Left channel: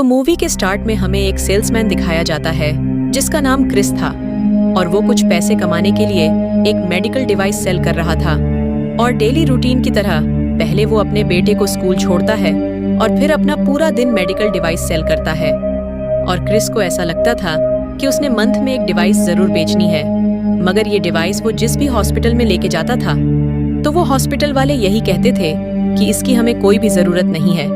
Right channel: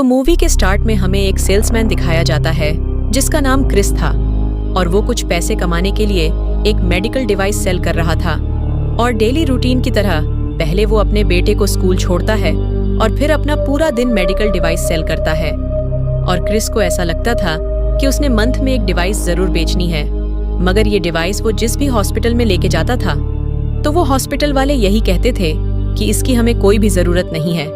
तो मूवी के स्टार्ट में हमें एक सेल्समैन दिखाया जाता है जिसका नाम क्रिस था और वो कुछ पैसे कमाने के लिए एक मेडिकल डिवाइस सेल कर रहा था। और डेली रूटीन की तरह पहले वो अपने बेटे को स्कूल छोड़ता है और फिर अपना पूरा दिन मेडिकल डिवाइस सेल करता है। और क्रिस को ऐसा लगता था कि उसने मंथ में एक डिवाइस जरूर बेचनी है, मगर ये डिवाइस वो जिस भी हॉस्पिटल में लेके जाता था तो वो हॉस्पिटल वाले यही कहते थे कि इसकी हमें कोई भी जरूरत नहीं है।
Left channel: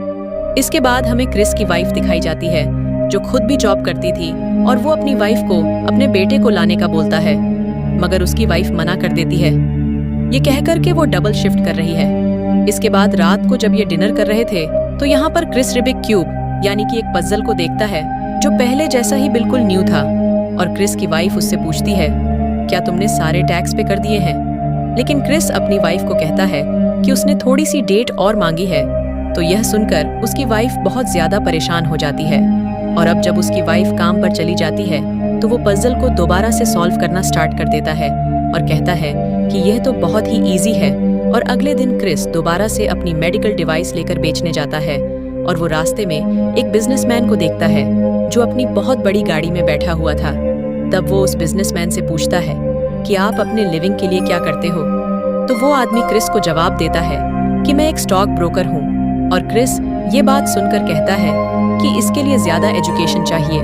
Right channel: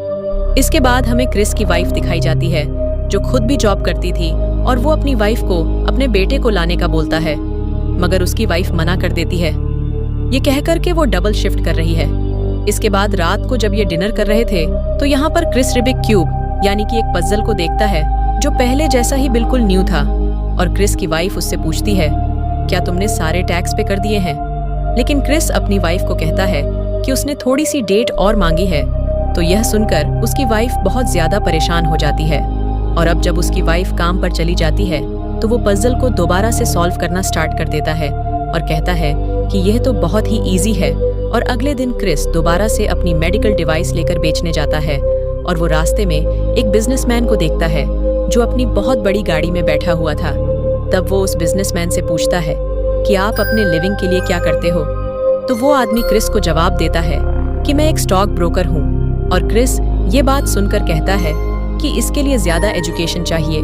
इसके बाद हमें क्रिस की वाइफ दिखाई जाती है जो खुद भी जॉब करती थी और वो अपनी वाइफ को अपने बेटे को लाने का बोलता है, मगर उसकी वाइफ मना कर देती है। ये कहकर के वो डबल शिफ्ट कर रही है। इसके बाद रात को जब ये डिनर कर रहे थे तो यहाँ पर क्रिस रिबिक क्यूब यानी कि एक पजल को देखता है जो पहले जैसा ही बिल्कुल न्यू था। और क्रिस की वाइफ उससे पूछती है, क्या तुमने सारे टैक्स पे कर दिए हैं? लेकिन क्रिस अपनी वाइफ को कहता है कि उसने थोड़ी सी डेट और मांगी है। तो यह सुनकर उसकी वाइफ बहुत ज्यादा परेशान हो जाती है। और अब जब उसकी वाइफ काम पर चली जाती है तो वो पजल को दोबारा से सॉल्व करना स्टार्ट कर देता है और कहता है कि यह तो बहुत ही इजी है। और अगले दिन क्रिस दोबारा से अपनी मेडिकल डिवाइस लेकर बेचने जाता है और वो रास्ते में एक बिजनेसमैन को देखता है जो अपनी बहुत बड़ी गाड़ी में बैठा हुआ था। तब वो उस बिजनेसमैन से पूछता है कि आप अपने लिविंग के लिए क्या करते हो? तो वो आदमी क्रिस को जवाब देता है कि मैं एक स्टॉक ब्रोकर हूँ। और क्रिस ये बात सुनकर कहता है कि इसके लिए ज्यादा एजुकेशन चाहिए।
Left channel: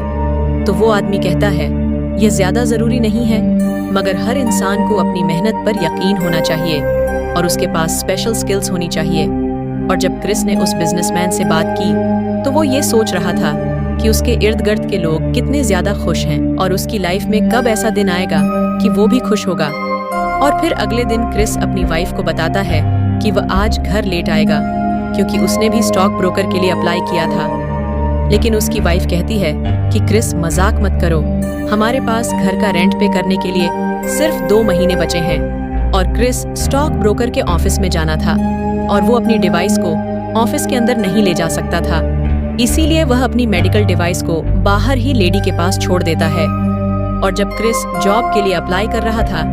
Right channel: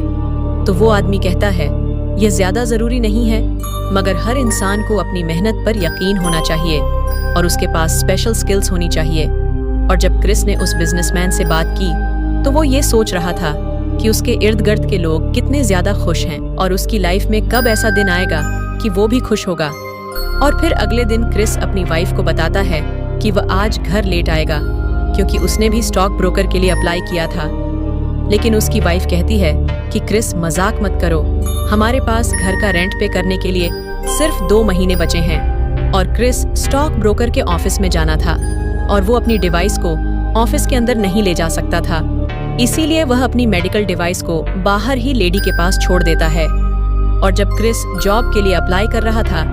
तो वो आदमी कहता है, ये ज्यादा जरूरी नहीं है, मगर हर इंसान को अपनी मेहनत पर यकीन होना चाहिए और उसके पास स्पेशल स्किल्स होनी चाहिए। और जब क्रिस ने उस बिजनेसमैन से बात की तो वो ये सोच रहा था कि उसके इर्द गिर्द के लोग कितने ज्यादा खुश हैं और उसकी लाइफ में कब ऐसा दिन आएगा कि वो भी खुश होगा। और फिर अगले दिन क्रिस अपनी वाइफ को बताता है कि वह आज घर लेट आएगा क्योंकि उसने भी स्टॉक ब्रोकर के लिए अप्लाई किया था। लेकिन उसकी वाइफ कहती है कि क्रिस मजाक मत करो, हमारे पास घर का रेंट पे करने के लिए सिर्फ 2 महीने बचे हैं। और क्रिस स्टॉक ब्रोकर के ऑफिस में जाना था और वो अपनी डिवाइस को ऑफिस के अंदर नहीं ले जा सकता था, इसीलिए वह अपनी मेडिकल डिवाइस को बाहर ही लेडी के पास छोड़ देता है। और जब क्रिस जॉब के लिए अप्लाई कर रहा था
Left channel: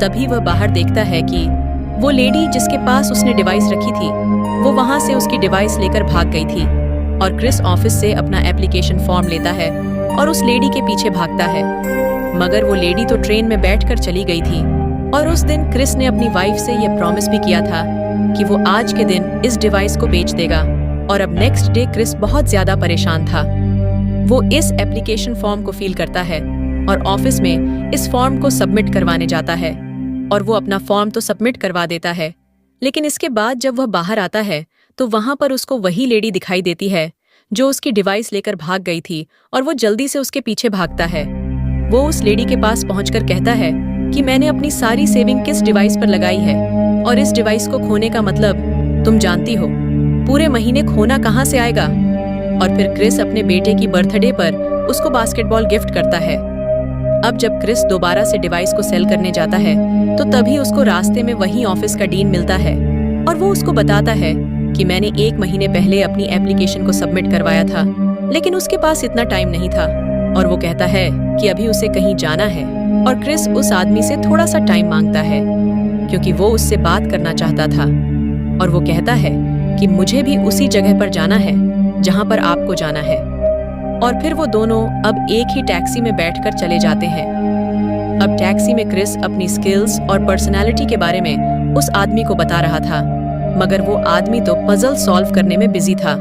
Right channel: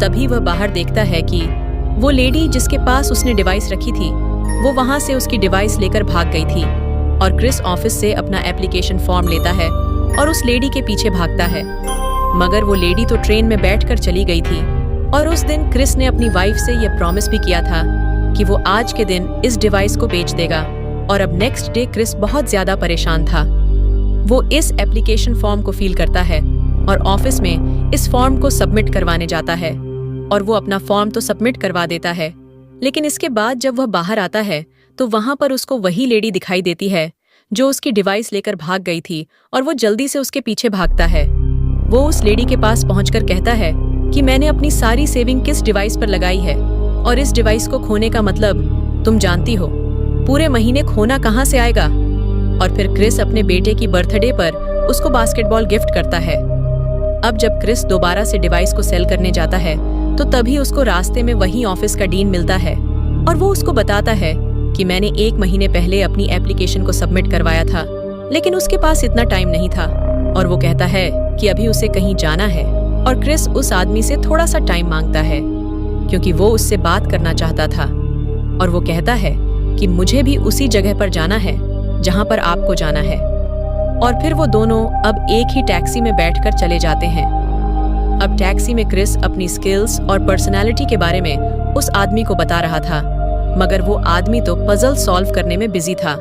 तभी वह बाहर देखता है कि वो लेडी जिसके पास उसने डिवाइस रखी थी वो वहां से उसकी डिवाइस लेकर भाग गई थी। और क्रिस ऑफिस से अपना एप्लीकेशन फॉर्म लेता है और उस लेडी के पीछे भागता है, मगर वो लेडी तो ट्रेन में बैठकर चली गई थी। और उस दिन क्रिस ने अपनी वाइफ से यह प्रॉमिस भी किया था कि वो आज के दिन इस डिवाइस को बेच देगा। और अब नेक्स्ट डे क्रिस बहुत ज्यादा परेशान था। वो इस एप्लीकेशन फॉर्म को फिल करता है और ऑफिस में इस फॉर्म को सबमिट करवाने जाता है और वो अपना फॉर्म तो सबमिट करवा देता है। लेकिन इसके बाद जब वह बाहर आता है तो वहां पर उसको वही लेडी दिखाई देती है जो उसकी डिवाइस लेकर भाग गई थी और वो जल्दी से उसके पीछे भागता है। वो उस लेडी के पास पहुंचकर कहता है कि मैंने अपनी सारी सेविंग किस डिवाइस पर लगाई है और इस डिवाइस को खोने का मतलब तुम जानती हो, पूरे महीने खोना कहाँ से आएगा। और फिर क्रिस अपने बेटे की बर्थडे पर उसको बास्केटबॉल गिफ्ट करता है। अब जब क्रिस दोबारा से डिवाइस को सेल करने जाता है तो तभी उसको रास्ते में वही ऑफिस का डीन मिलता है और वो उसको बताता है कि मैंने 1 महीने पहले अपनी एप्लीकेशन को सबमिट करवाया था, लेकिन उसके पास इतना टाइम नहीं था। और वो कहता है कि अभी उसे कहीं जाना है और क्रिस उस आदमी से थोड़ा सा टाइम मांगता है क्योंकि वो उससे बात करना चाहता था। और वो कहता है कि मुझे भी उसी जगह पर जाना है जहां पर आपको जाना है। और फिर वो दोनों अब एक ही टैक्सी में बैठकर चले जाते हैं। अब टैक्सी में क्रिस अपनी स्किल्स और पर्सनालिटी के बारे में उस आदमी को बता रहा था, मगर वो आदमी तो पजल सॉल्व करने में बिजी था।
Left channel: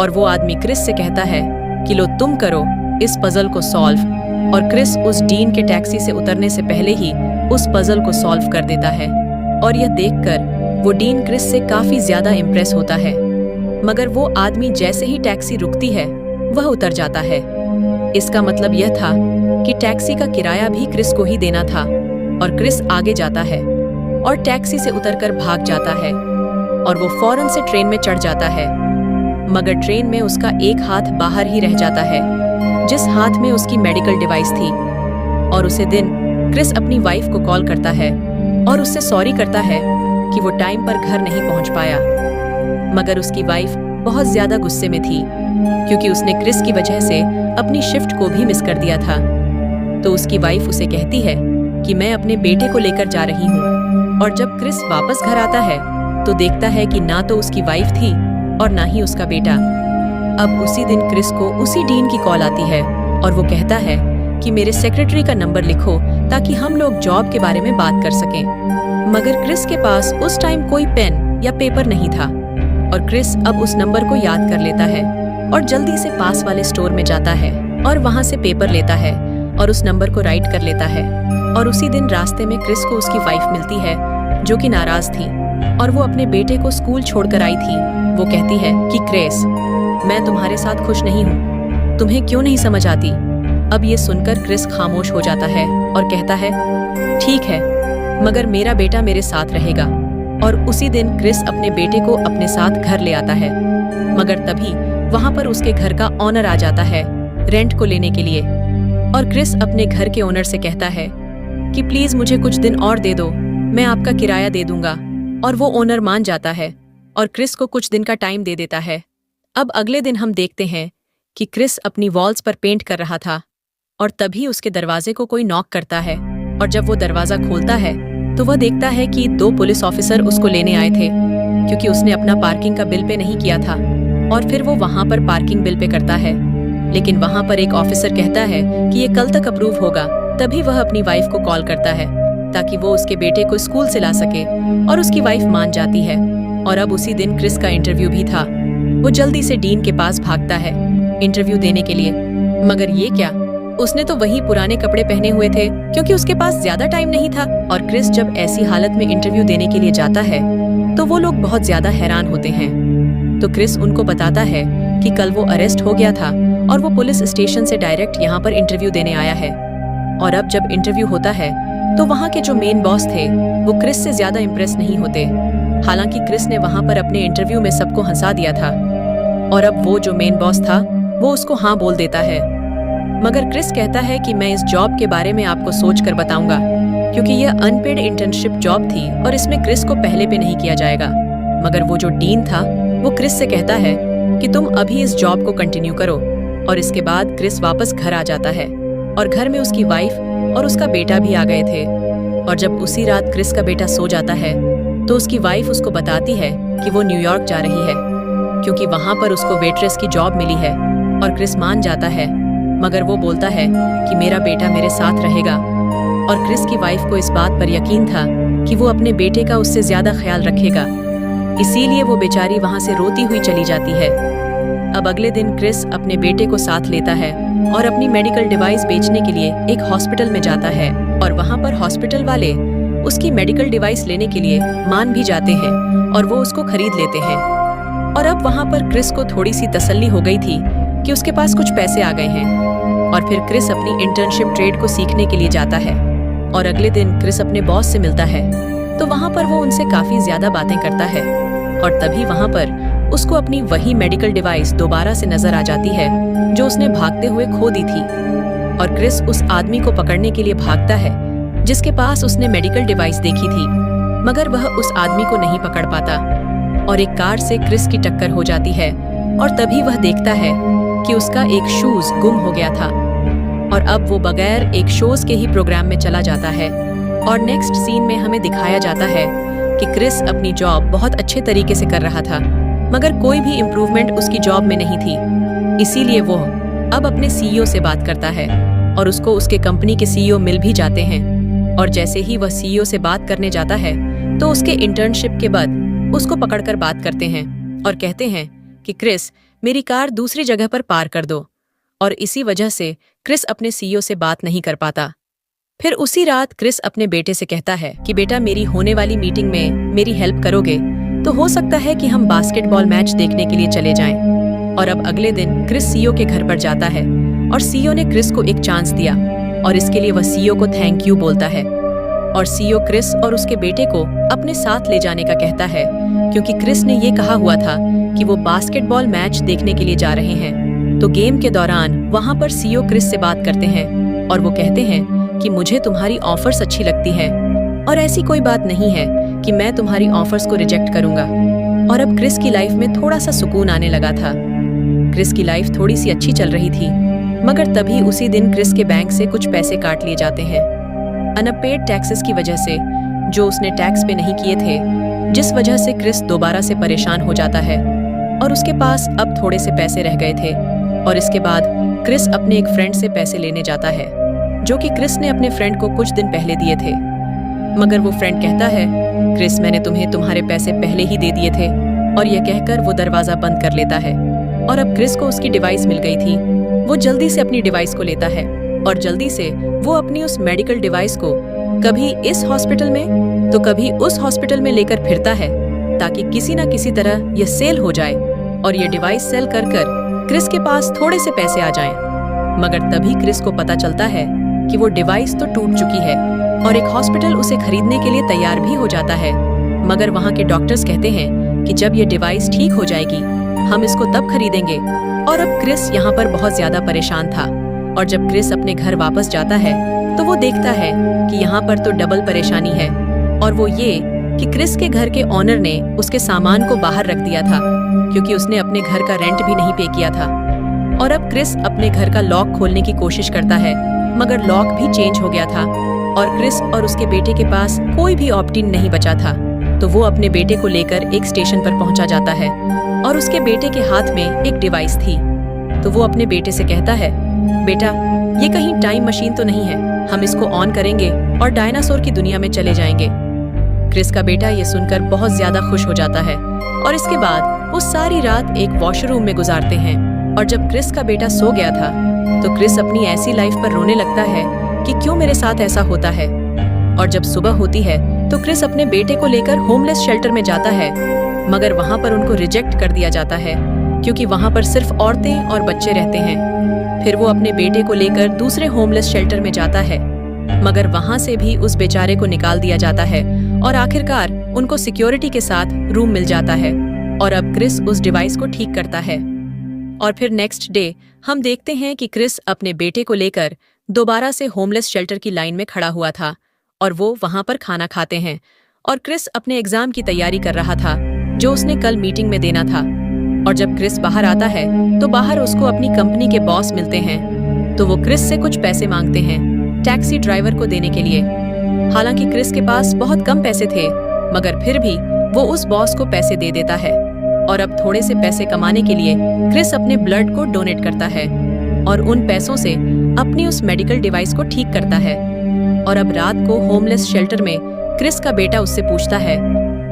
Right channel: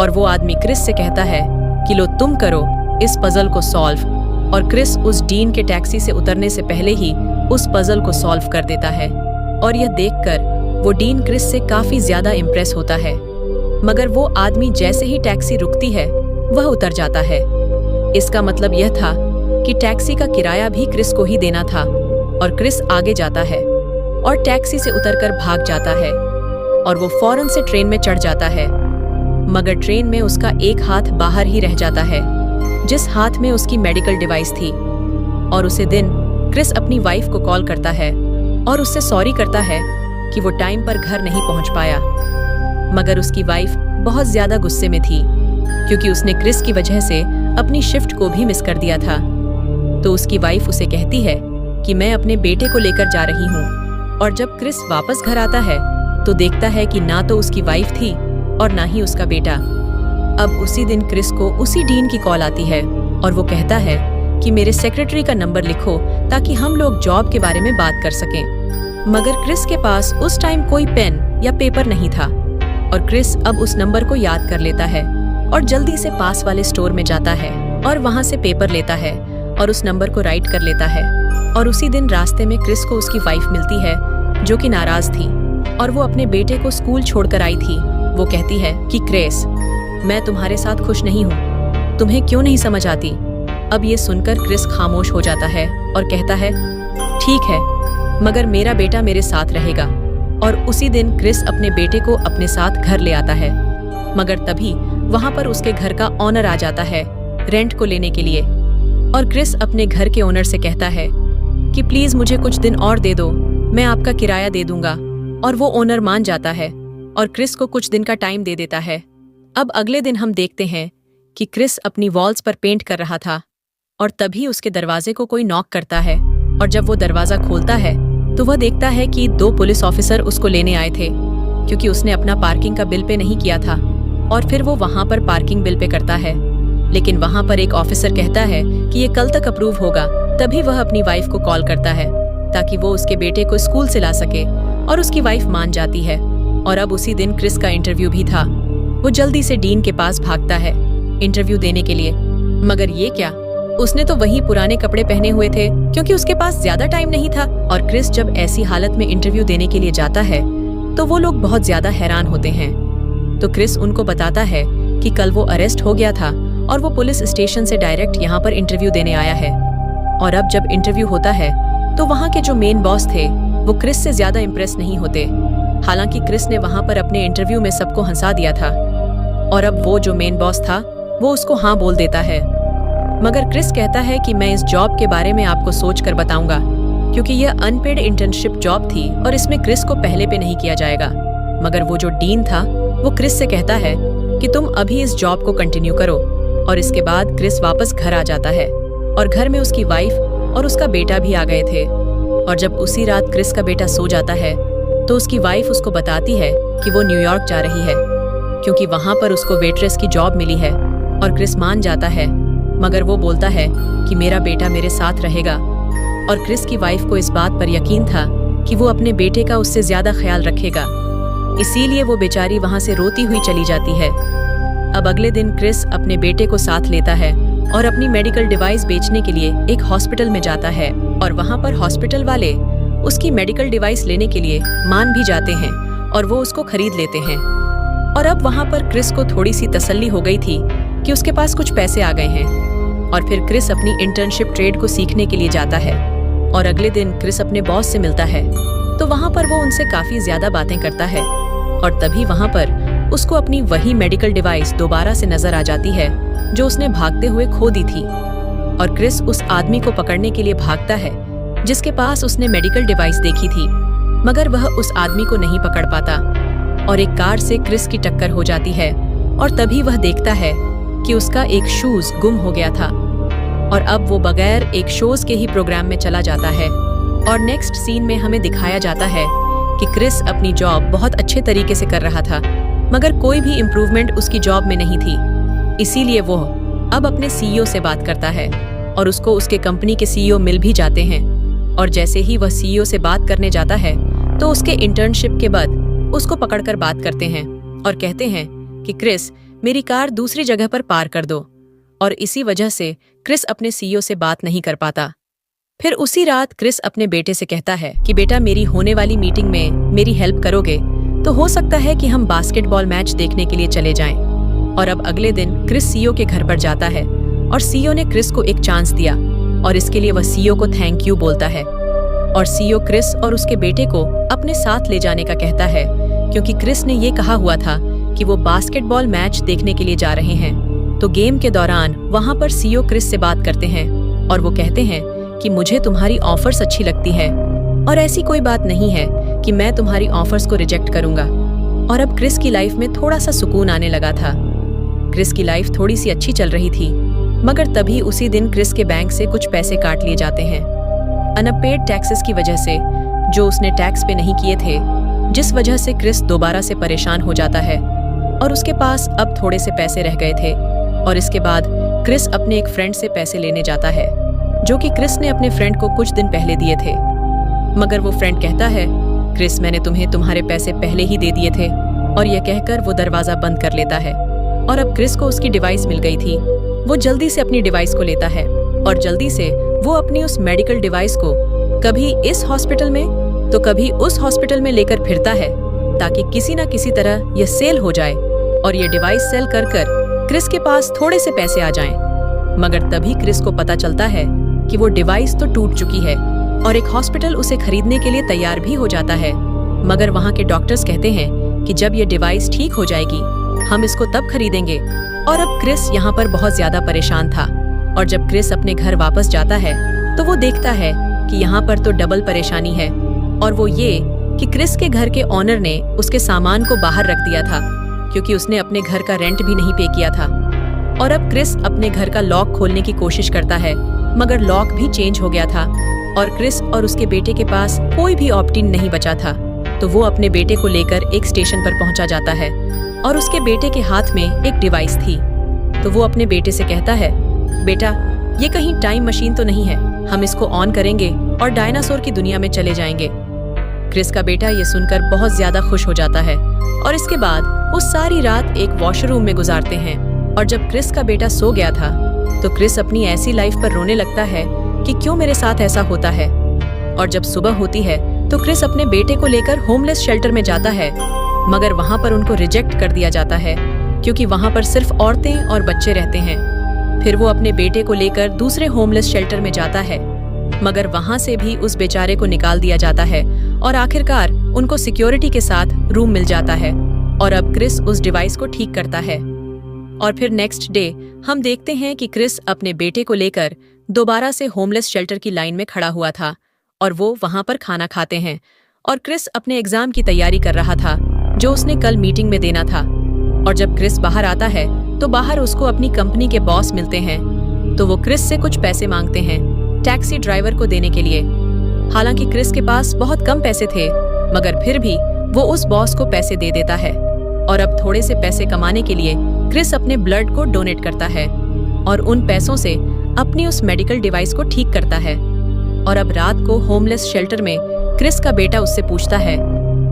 और वो आदमी क्रिस से कहता है कि लो तुम करो इस पजल को सॉल्व। और क्रिस उस डीन के टैक्सी से उतरने से पहले ही उस पजल को सॉल्व कर देता है। और यह देखकर वो डीन क्रिस से काफी ज्यादा इम्प्रेस होता है, मगर वो आदमी जैसे ही टैक्सी रुकती है वह उतर जाता है। इसका मतलब यह था कि टैक्सी का किराया भी क्रिस को ही देना था। और क्रिस आगे जाता है और टैक्सी से उतरकर भाग जाता है और वो फौरन से ट्रेन में चढ़ जाता है, मगर ट्रेन में उसका एक हाथ बाहर ही रह जाता है जिस हाथ में उसकी मेडिकल डिवाइस थी। और उसे दिन क्रिस अपनी वाइफ को कॉल करता है और उससे सॉरी करता है कि वो टाइम पर घर नहीं पहुंच पाया, मगर उसकी वाइफ बहुत ज्यादा गुस्से में थी क्योंकि उसने क्रिस की वजह से अपनी शिफ्ट को भी मिस कर दिया था। तो उसकी वाइफ उसे कहती है कि मैं अपने बेटे को लेकर जा रही हूँ। और जब क्रिस वापस घर आता है तो देखता है कि ना तो उसकी वाइफ थी और ना ही उसका बेटा। अब उसी दिन क्रिस को उसी डीन की कॉल आती है और वो कहता है कि मेरे सेक्रेटरी का नंबर लिखो ताकि हम लोग जॉब के बारे में बात कर सकें। मगर क्रिस के पास उस टाइम कोई पेन या पेपर नहीं था और क्रिस अब उस नंबर को याद कर लेता है और जल्दी से पास वाले स्टोर में जाता है और वहाँ से पेपर लेता है और उस नंबर को राइट कर लेता है। और उसी दिन रास्ते में क्रिस को उसकी वाइफ मिलती है जो कि नाराज थी और वो अपने बेटे को स्कूल छोड़कर आई थी। वो कहती है कि क्रिस, मैं तुम्हारे साथ खुश नहीं हूँ, तुम्हें क्यों नहीं समझ आती। अब ये सुनकर क्रिस खामोश हो जाता है और कहता है ठीक है, मगर मेरा बेटा मेरे साथ रहेगा। और उसी दिन क्रिस अपने बेटे को अपने साथ घर ले आता है। मगर तभी वहाँ पर उसके घर का ऑनर आ जाता है रेंट को लेने के लिए और क्रिस अपने घर के ओनर से कहता है कि प्लीज मुझे कुछ दिन और दे दो, मैं आपका किराया दे दूंगा। और वो ओनर मान जाता है और क्रिस को कुछ दिन का टाइम दे देता है। अब अगले दिन हम देखते हैं कि क्रिस अपनी वॉल्स पर पेंट कर रहा था और तभी उसके दरवाजे को कोई नॉक करता है और जब वो दरवाजा खोलता है तो वह देखता है कि 2 पुलिस ऑफिसर उसको लेने आए थे क्योंकि उसने अपना पार्किंग का बिल पे नहीं किया था। और फिर वो वहाँ पर पार्किंग बिल पे करता है, लेकिन वहाँ पर एक ऑफिसर कहता है कि ये कल तक अप्रूव होगा। तभी वह अपनी वाइफ को कॉल करता है ताकि वो उसके बेटे को स्कूल से ला सके और उसकी वाइफ मान जाती है। और अब उसी दिन क्रिस का इंटरव्यू भी था। वो जल्दी से डीन के पास भागता है इंटरव्यू देने के लिए, मगर ये क्या, उसने तो वही पुराने कपड़े पहने हुए थे क्योंकि उसके पास ज्यादा टाइम नहीं था। और क्रिस जब ऐसी हालत में इंटरव्यू देने के लिए जाता है तो वो लोग बहुत ज्यादा हैरान होते हैं। तो क्रिस उनको बताता है कि कल वो अरेस्ट हो गया था और वो पुलिस स्टेशन से डायरेक्ट यहाँ पर इंटरव्यू देने आया है। और अब जब इंटरव्यू होता है तो वहाँ के जो मेन बॉस थे वो क्रिस से ज्यादा इम्प्रेस नहीं होते। हालांकि क्रिस ने वहाँ पर अपने इंटरव्यू में सबको हंसा दिया था और अब वो जो मेन बॉस था वो उसको हाँ बोल देता है। मगर क्रिस कहता है कि मैं इस जॉब के बारे में आपको सोच कर बताऊंगा क्योंकि यह अनपेड इंटर्नशिप जॉब थी और इसमें क्रिस को पहले पे नहीं किया जाएगा। मगर वो जो डीन था वो क्रिस से कहता है कि तुम अभी इस जॉब को कंटिन्यू करो। और इसके बाद क्रिस वापस घर आ जाता है और घर में उसकी वाइफ और उसका बेटा भी आ गए थे। और जब उसी रात क्रिस का बेटा सो जाता है तो उसकी वाइफ उसको बताती है कि वो न्यूयॉर्क जा रही है क्योंकि वहाँ पर उसको वेट्रेस की जॉब मिली है। और क्रिस मान जाता है, मगर वो बोलता है कि मेरा बेटा मेरे साथ रहेगा। और क्रिस की वाइफ को इस बात पर यकीन था कि वो अपने बेटे का उससे ज्यादा ख्याल रखेगा, इसीलिए वो बेचारी वहाँ से रोती हुई चली जाती है। अब अगले दिन क्रिस अपने बेटे को साथ लेता है और अपनी मेडिकल डिवाइस बेचने के लिए एक हॉस्पिटल में जाता है। और वहाँ पर हॉस्पिटल वाले उसकी मेडिकल डिवाइस लेने के लिए मान भी जाते हैं और वो उसको खरीद लेते हैं। और अब वहाँ पर क्रिस को थोड़ी सी तसल्ली हो गई थी कि उसके पास कुछ पैसे आ गए हैं। और फिर क्रिस अपनी इंटर्नशिप ट्रेड को सीखने के लिए जाता है। और अगले दिन क्रिस अपने बॉस से मिलता है तो वहाँ पर वो उनसे काफी ज्यादा बातें करता है। और तभी वहाँ पर उसको अपनी वही मेडिकल डिवाइस दोबारा से नजर आ जाती है जो उसने भागते हुए खो दी थी। और क्रिस उस आदमी को पकड़ने के लिए भागता है जिसके पास उसने मेडिकल डिवाइस देखी थी, मगर वह उस आदमी को नहीं पकड़ पाता और एक कार से क्रिस की टक्कर हो जाती है। और तभी वह देखता है कि उसका एक शूज गुम हो गया था और अब वो बगैर एक शोज के ही प्रोग्राम में चला जाता है। और नेक्स्ट सीन में हमें दिखाया जाता है कि क्रिस अपनी जॉब बहुत अच्छे तरीके से कर रहा था, मगर कोई भी इम्प्रूवमेंट उसकी जॉब में नहीं थी। इसीलिए वो अब अपने सीईओ से बात करता है और उसको उसके कंपनी के सीईओ मिल भी जाते हैं। और जैसे ही वह सीईओ से बात करने जाता है तो उसके इंटर्नशिप के बाद उसको पकड़कर बात करते हैं और कहते हैं कि क्रिस, मेरी कार दूसरी जगह पर पार कर दो। और इसी वजह से क्रिस अपने सीईओ से बात नहीं कर पाता। फिर उसी रात क्रिस अपने बेटे से कहता है कि बेटा, मेरी होने वाली मीटिंग में मेरी हेल्प करोगे तो हो सकता है कि हम बास्केटबॉल मैच देखने के लिए चले जाएं। और अब अगले दिन क्रिस सीईओ के घर पर जाता है और सीईओ ने क्रिस को एक चांस दिया और इसके लिए वह सीईओ को थैंक यू बोलता है। और सीईओ क्रिस और उसके बेटे को अपने साथ ले जाने का कहता है क्योंकि क्रिस ने ये कहा हुआ था कि वो बास्केटबॉल मैच देखने के लिए जा रहे हैं। तो गेम के दौरान वहाँ पर सीईओ क्रिस से बात करते हैं और वो कहते हैं कि मुझे तुम्हारी ऑफर्स अच्छी लगती है और ऐसी कोई बात नहीं है कि मैं तुम्हारी ऑफर्स को रिजेक्ट करूंगा। और अब क्रिस की लाइफ में थोड़ा सा सुकून आने लगा था। क्रिस की लाइफ थोड़ी सी अच्छी चल रही थी, मगर तभी उसी दिन क्रिस के बैंक से कुछ पैसे काट लिए जाते हैं अनपेड टैक्सेस की वजह से, जो उसने टैक्स पे नहीं किए थे, जिस वजह से क्रिस दोबारा से परेशान हो जाता है। और उसके पास अब थोड़े से पैसे रह गए थे। और इसके बाद क्रिस अपने एक फ्रेंड से पैसे लेने जाता है, जो कि क्रिस ने अपने फ्रेंड को कुछ दिन पहले दिए थे। मगर वो फ्रेंड कहता है, क्रिस मैंने तुम्हें तुम्हारे पैसे पहले ही दे दिए थे। और यह कहकर वो दरवाजा बंद कर लेता है। और अब क्रिस को उसकी डिवाइस मिल गई थी। वो जल्दी से अपनी डिवाइस को लेता है और जल्दी से वो अपनी उस मेडिकल डिवाइस को कभी इस हॉस्पिटल में तो कभी उस हॉस्पिटल में लेकर फिरता है, ताकि किसी ना किसी तरह ये सेल हो जाए और ये डिवाइस सेल कर कर क्रिस के पास थोड़े से पैसे आ जाएं। मगर तभी क्रिस को पता चलता है कि वो डिवाइस तो टूट चुकी है और एक हॉस्पिटल उसे खरीदने के लिए तैयार भी हो जाता है। मगर वहाँ के डॉक्टर्स कहते हैं कि जब ये डिवाइस ठीक हो जाएगी हम इसको तब खरीदेंगे। और अब क्रिस यहाँ पर बहुत ज्यादा परेशान था। और जब क्रिस अपने घर वापस जाता है तो वो देखता है कि यहाँ पर तो डबल परेशानी है। और वो ये कि क्रिस के घर के ऑनर ने उसके सामान को बाहर रख दिया था, क्योंकि उसने अपने घर का रेंट भी नहीं पे किया था। और अब क्रिस अपने घर का लॉक खोलने की कोशिश करता है, मगर लॉक भी चेंज हो गया था और क्रिस और उसके बेटे के पास कोई भी ऑप्टिन नहीं बचा था। तो वो अपने बेटे को लेकर एक स्टेशन पर पहुंचा जाता है और उसके बेटे के हाथ में एक डिवाइस थी। तो वो अपने बेटे से कहता है, बेटा ये कहीं टाइम मशीन तो नहीं है, हम इसको ऑन करेंगे और डायनासोर की दुनिया में चले जाएंगे। क्रिस का बेटा ये सुनकर बहुत ज्यादा खुश हो जाता है और इसके बाद वो सारी रात एक वॉशरूम में गुजारते हैं। और जब क्रिस का बेटा सो गया था तो क्रिस अपनी ऐसी लाइफ पर रोने लगता है कि क्यों मेरे साथ ऐसा होता है। और जब सुबह होती है तो क्रिस अपने बेटे को लेकर होमलेस शेल्टर में जाता है, मगर वहाँ पर उनको रिजेक्ट कर दिया जाता है, क्योंकि वहाँ पर सिर्फ औरतें और बच्चे रहते हैं। फिर वो अपने बेटे को लेकर दूसरे होमलेस शेल्टर में जाता है, मगर वहाँ से भी उस बेचारे को निकाल दिया जाता है और आखिरकार उनको सिक्योरिटी के साथ रूम मिल जाता है। और अब क्रिस उस डिवाइस को ठीक करता है। और फिर नेक्स्ट डे हम देखते हैं कि क्रिस अपने बेटे को लेकर दोबारा से होमलेस शेल्टर की लाइन में खड़ा हुआ था और वो वहां पर खाना खाते हैं। और क्रिस अपने एग्जाम की तैयारी कर रहा था, जो उसने कल मीटिंग में देना था। और जब क्रिस बाहर आता है तो बाहर उसको अपनी कंपनी के बॉस मिलते हैं। तो वो क्रिस से कुछ पैसे मांगते हैं टैक्सी ड्राइवर को देने के लिए। हालांकि क्रिस के पास बहुत कम पैसे थे, मगर फिर भी वो उस बॉस को पैसे दे देता है। और अब थोड़े से पैसे कमाने के लिए क्रिस अपने ब्लड को डोनेट करता है और उन पैसों से अपनी उस मेडिकल डिवाइस को ठीक करता है। और अब रात को होमलेस शेल्टर में क्रिस का बेटा उससे पूछता है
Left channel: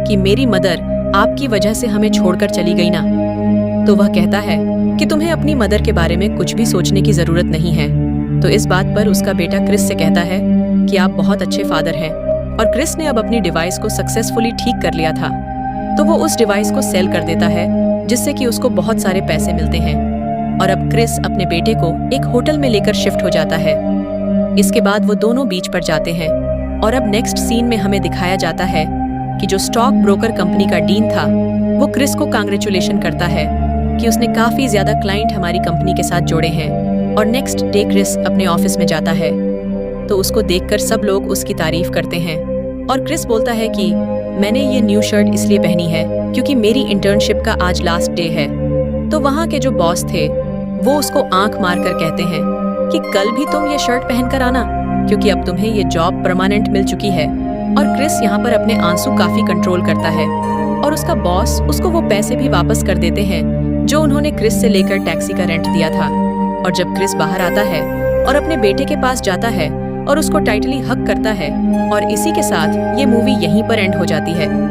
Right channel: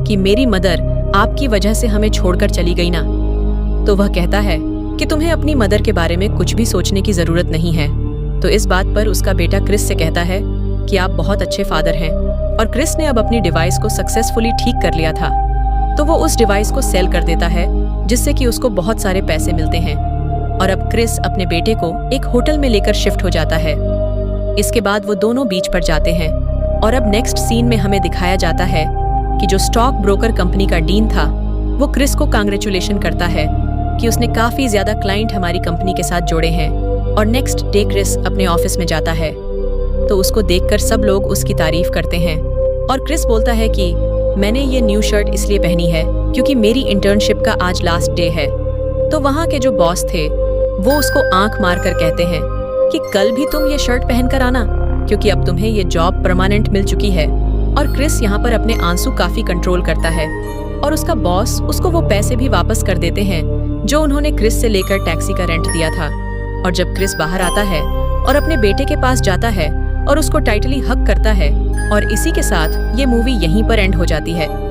कि मेरी मदर आपकी वजह से हमें छोड़कर चली गई ना। तो वह कहता है कि तुम्हें अपनी मदर के बारे में कुछ भी सोचने की जरूरत नहीं है। तो इस बात पर उसका बेटा क्रिस से कहता है कि आप बहुत अच्छे फादर हैं। और क्रिस ने अब अपनी डिवाइस को सक्सेसफुली ठीक कर लिया था, तो वो उस डिवाइस को सेल कर देता है, जिससे कि उसको बहुत सारे पैसे मिलते हैं। और अब क्रिस अपने बेटे को एक होटल में लेकर शिफ्ट हो जाता है। इसके बाद वो दोनों बीच पर जाते हैं। और अब नेक्स्ट सीन में हमें दिखाया जाता है कि जो स्टॉक ब्रोकर कंपनी का डीन था वो क्रिस को कांग्रेचुलेशन करता है कि उसने काफी ज्यादा क्लाइंट हमारी कंपनी के साथ जोड़े हैं। और नेक्स्ट डे क्रिस अपने ऑफिस में जाता है तो उसको देखकर सब लोग उसकी तारीफ करते हैं। और क्रिस बोलता है कि मैंने ये न्यू शर्ट इसलिए पहनी है क्योंकि मेरी इंटर्नशिप का आज लास्ट डे है। तो वहाँ के जो बॉस थे वो उसको आंख मारकर कहते हैं कि कल भी तुम ये शर्ट पहनकर आना, क्योंकि अब तुम्हें ये जॉब परमानेंट मिल चुकी है। और क्रिस यहाँ पर अपने आंसू काफी कंट्रोल करता है और उसका बॉस उसको वो पैसे भी वापस कर देते हैं जो उन्होंने क्रिस से लेकर टैक्सी का रेंट दिया था। और जब क्रिस बाहर आता है और अपने बेटे के पास जाता है और उसको टाइटली हग करता है, और इसी के साथ ये मूवी यहीं पर एंड हो जाती है।